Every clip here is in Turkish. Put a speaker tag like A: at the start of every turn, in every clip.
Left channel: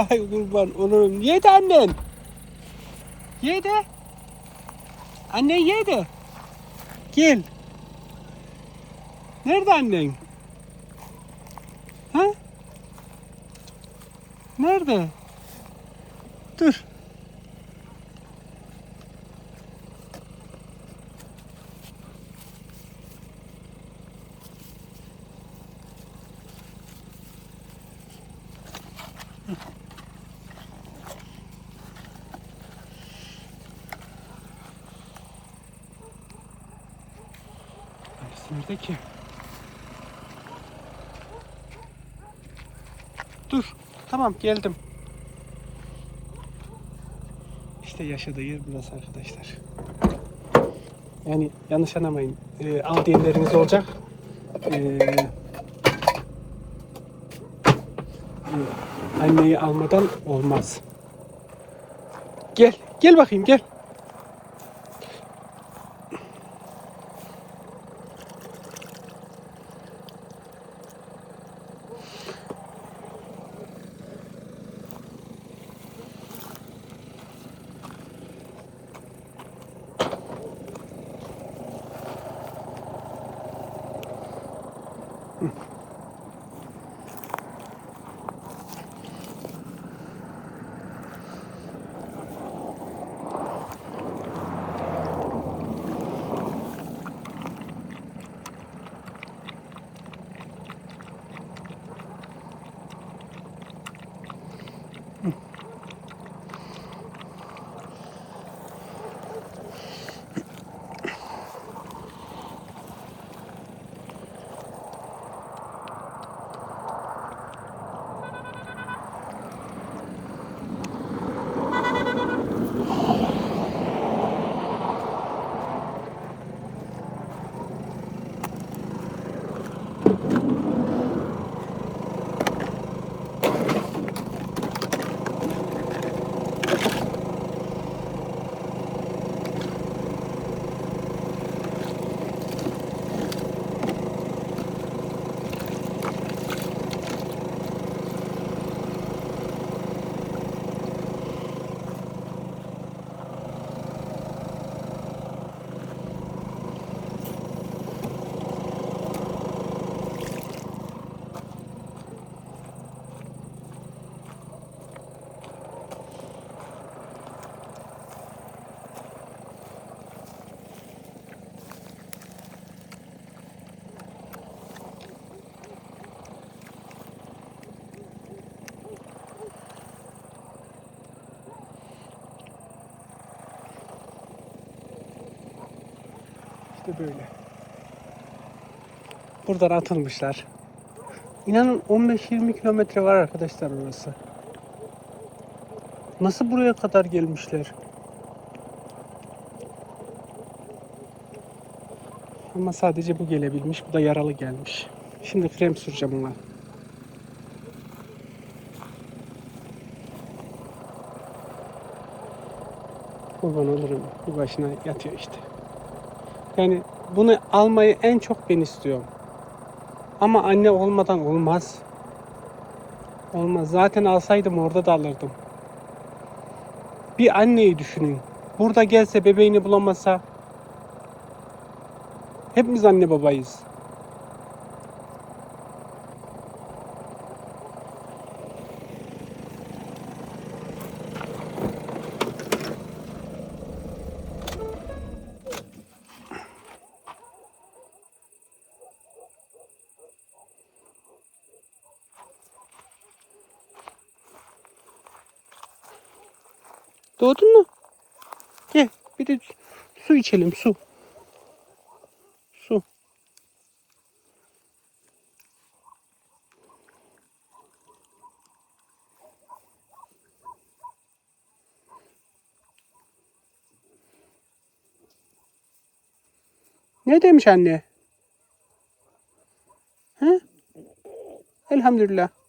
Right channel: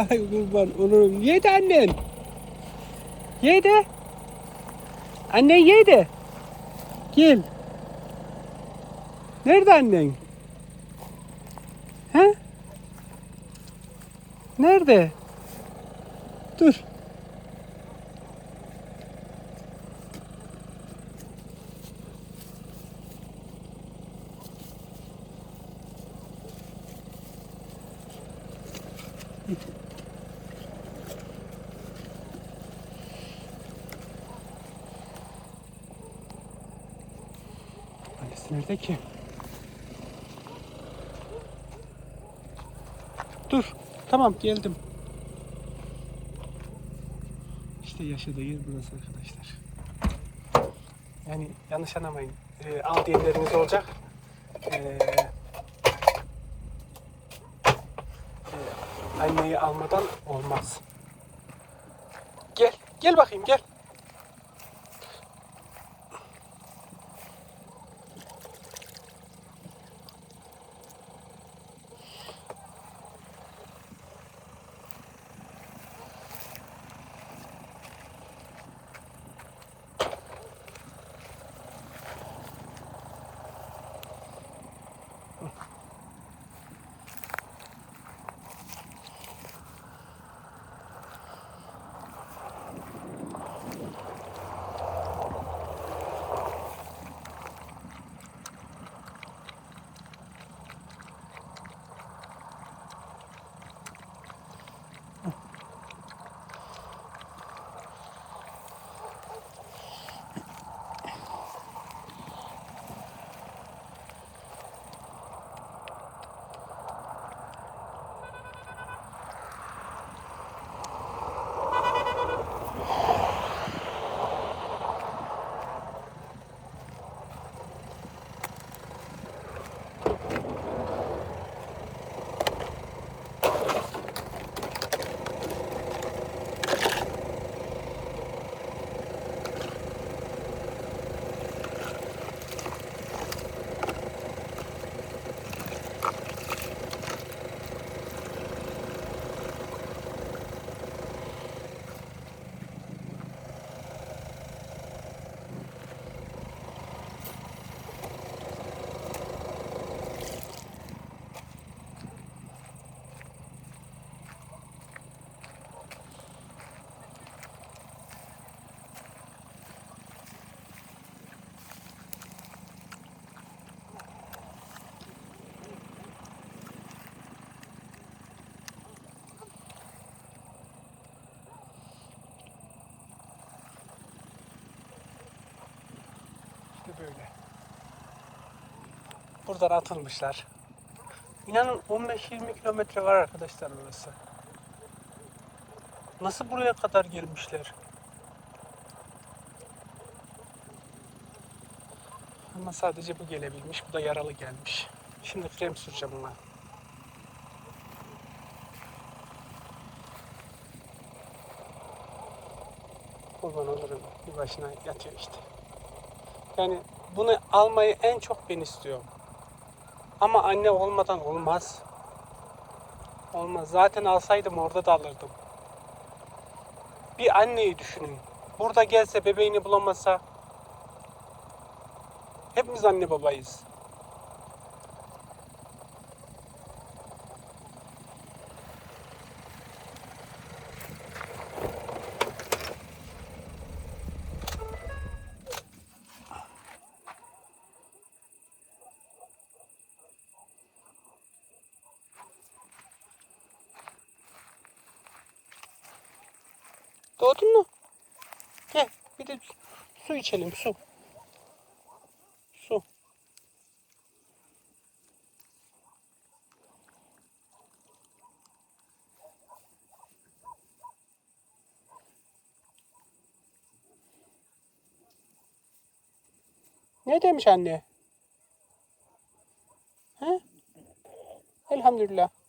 A: Vay kurban olurum. Yedi annen. Yedi. Anne yedi. Gel. Nerede annen? He? Nerede? Dur. Annesi nerede ki? Dur. Tamam geldim. İşte yaşadığı yer burası arkadaşlar. Yani yanlış anlamayın. Ee, al diyenleriniz olacak. Ee, e, anneyi almadan olmaz. Gel. Gel bakayım gel. Mm-hmm. İşte böyle. Buradan atılmışlar. İnanın 15-20 kilometre var arkadaşlar burası. Nasıl buraya kadar gelmişler? Ama sadece bu gelebilmiş. Bu da yaralı gelmiş. Şimdi krem süreceğim ona. Kurban olurum. Bir başına yatıyor işte. Yani bunu almayı en çok ben istiyorum. Ama anne olmadan olmaz. Olmaz. Zaten alsaydım orada da alırdım. Bir anneyi düşünün. Burada gelse bebeğini bulamasa hepimiz anne babayız. Doğdun mu? Gel bir de su içelim su. Su. Ne demiş anne? He? Elhamdülillah.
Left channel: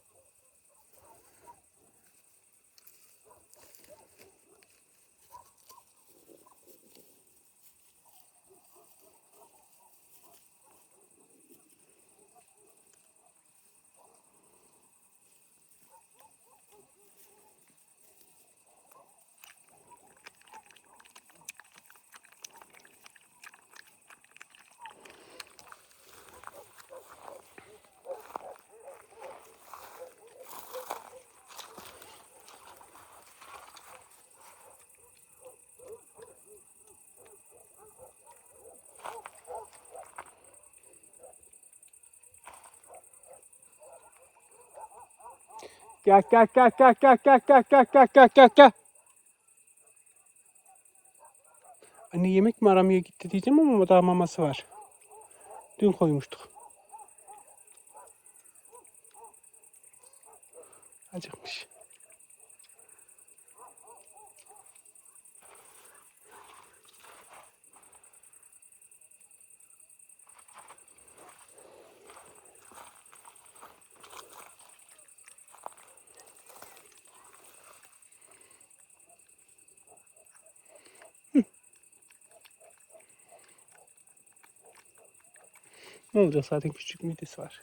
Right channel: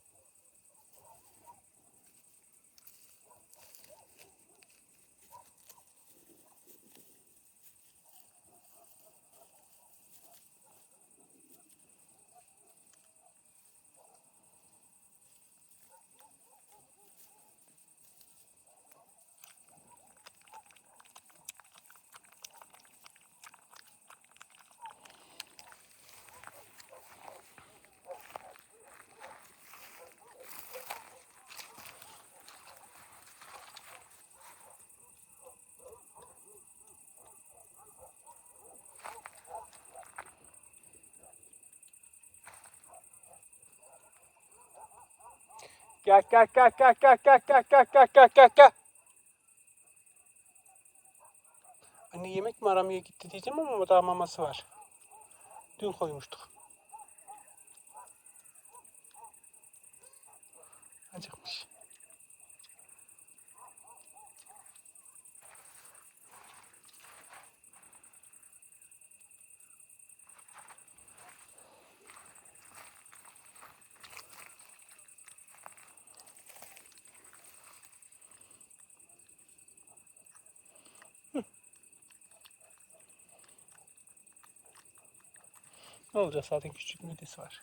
A: Gel gel gel gel gel gel gel gel gel gel gel. Anne yemek mi aramaya gitti diyeceğim ama daha maması var. Dün koymuştuk. Acıkmış. Ne olacak zaten küçük midesi var.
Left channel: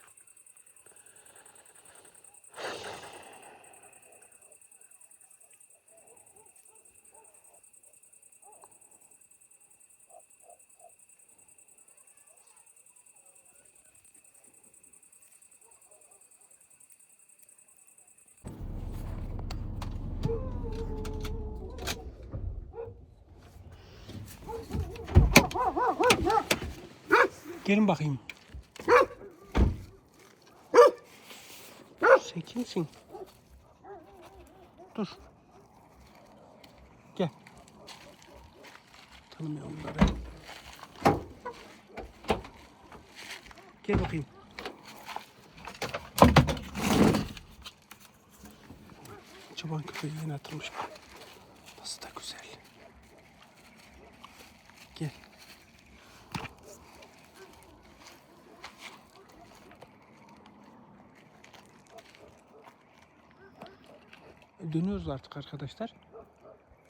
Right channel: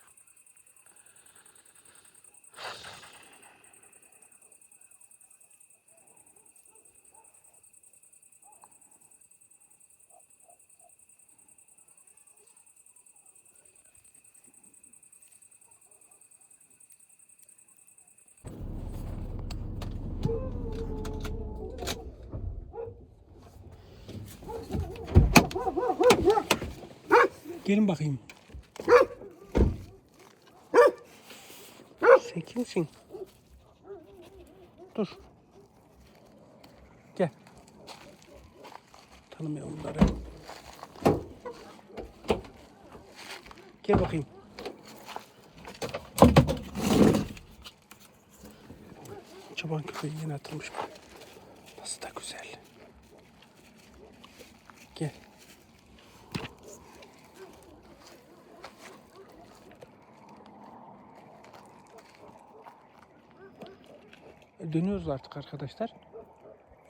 A: Gelin bakayım. Sen kimsin? Dur. Gel. Tanımıyorum bunları. Gel bakayım. Çoban köpeği yine atılmış. Dönüyoruz artık arkadaşlar.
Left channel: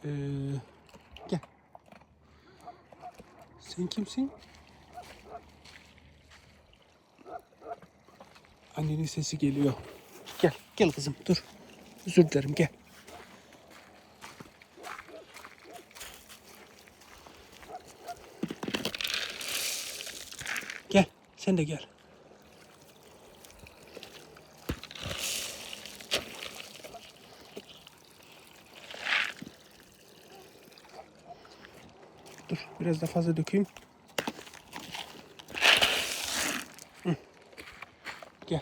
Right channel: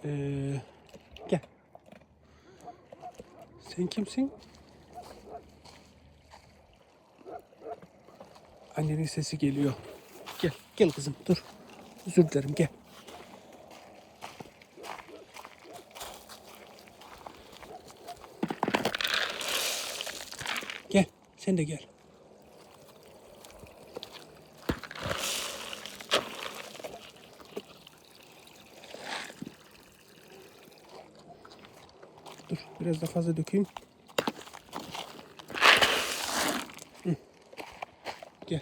A: Ee, gel. Sen kimsin? Annenin sesi geliyor. Gel, gel kızım dur. Özür dilerim gel. Gel, sen de gel. Dur biraz daha fazla dökeyim. Gel.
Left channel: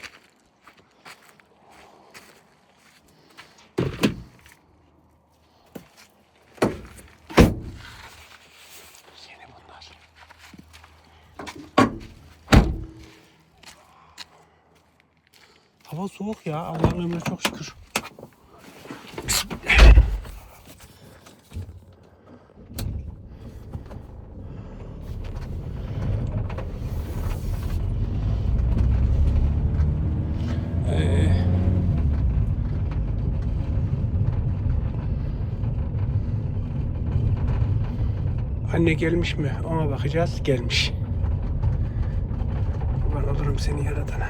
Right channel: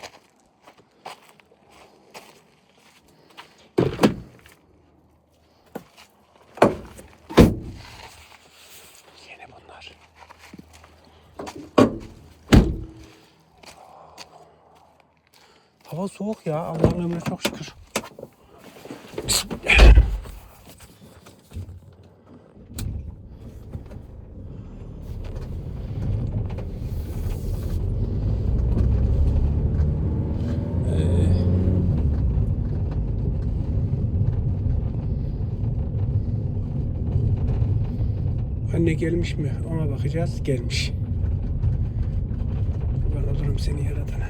A: Hava soğuk ya. Allah'ın emrine çok şükür. Anne gelmiş mi? Ona bakacağız. Gelmiş. Kurban olurum seni yaratana.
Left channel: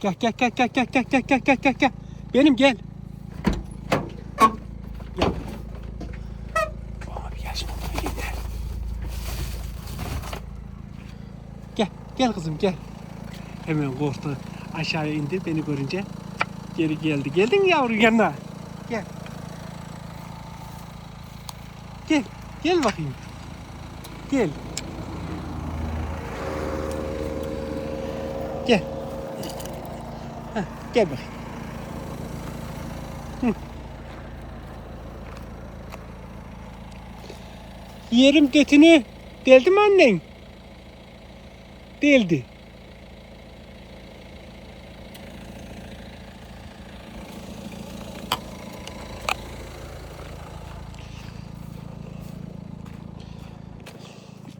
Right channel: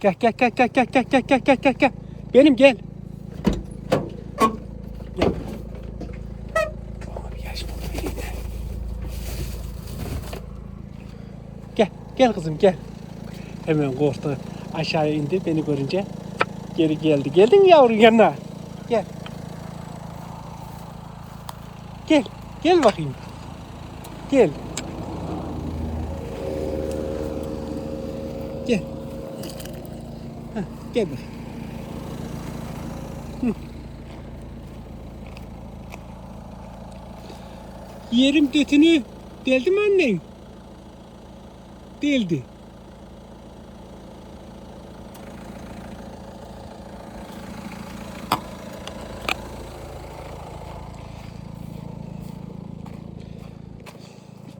A: Gel gel gel gel gel gel gel gel gel gel gel. Benim. Gel, gel kızım gel. Hemen korktu. Aşağıya indi beni görünce. Geri geldi. Geldin mi yavrum yanına? Gel. Gel, gel bakayım. Gel. Gel. Heh, gel bakayım. Hı. Yerim detini deldi mi annen? Deldi.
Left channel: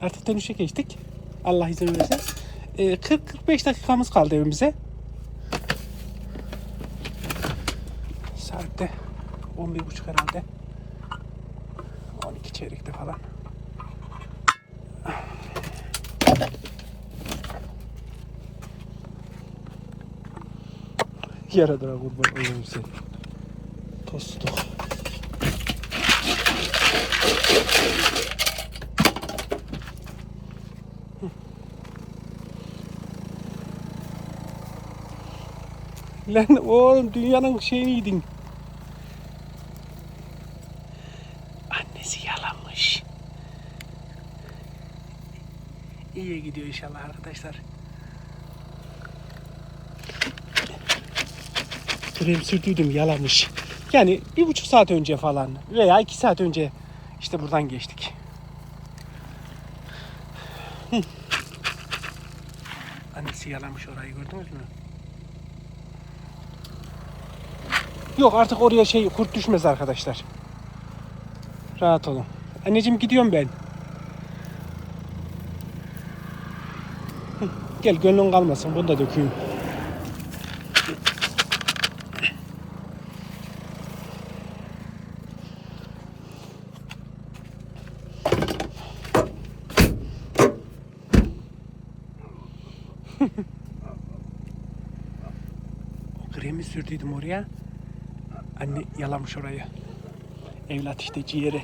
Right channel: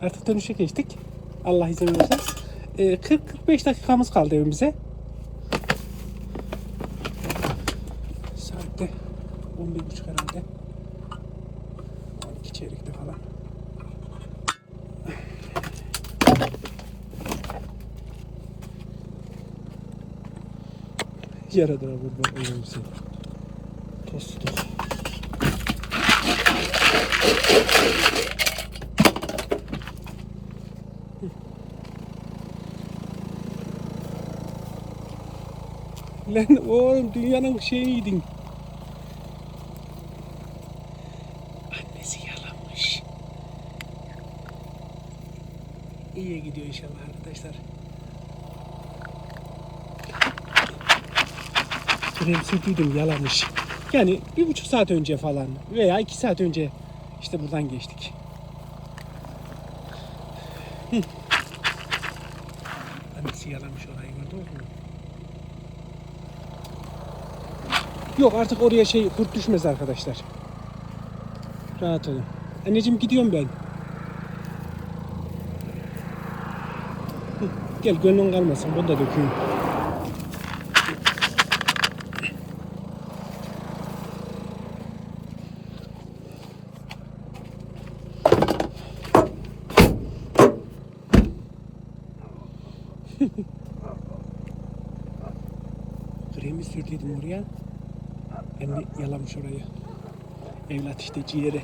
A: Artık dönüşe geçtik. Allah izin verirse. Ee, 40-45 dakikamız kaldı evimize. Saatte 11.30 herhalde. 12 çeyrekte falan. Yaradıra kurban olurum seni. Tostuk. Lan oğlum dünyanın şeyini yedin. Annesi yalamış. İyi gidiyor inşallah arkadaşlar. Krem sürdüydüm yalamış. Yani bir buçuk saat önce falan veya iki saat önce işte buradan geçtik. Annesi yalamış orayı gördünüz mü? Yok artık oraya şey kurt düşmez arkadaşlar. Rahat olun. Anneciğim gidiyorum ben. Gel gönlün kalmasın bunu da dökeyim. Kremi sürdüydüm oraya. Anne yalamış orayı. Evlat işte ciğeri.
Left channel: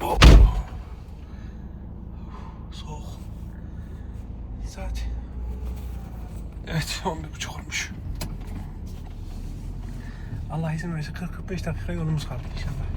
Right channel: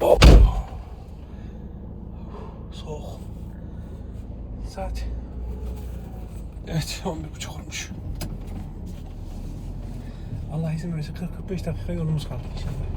A: Hop. Soğuk. Saat. Evet 11.30 olmuş. Allah izin verirse 40-45 dakika yolumuz kaldı inşallah.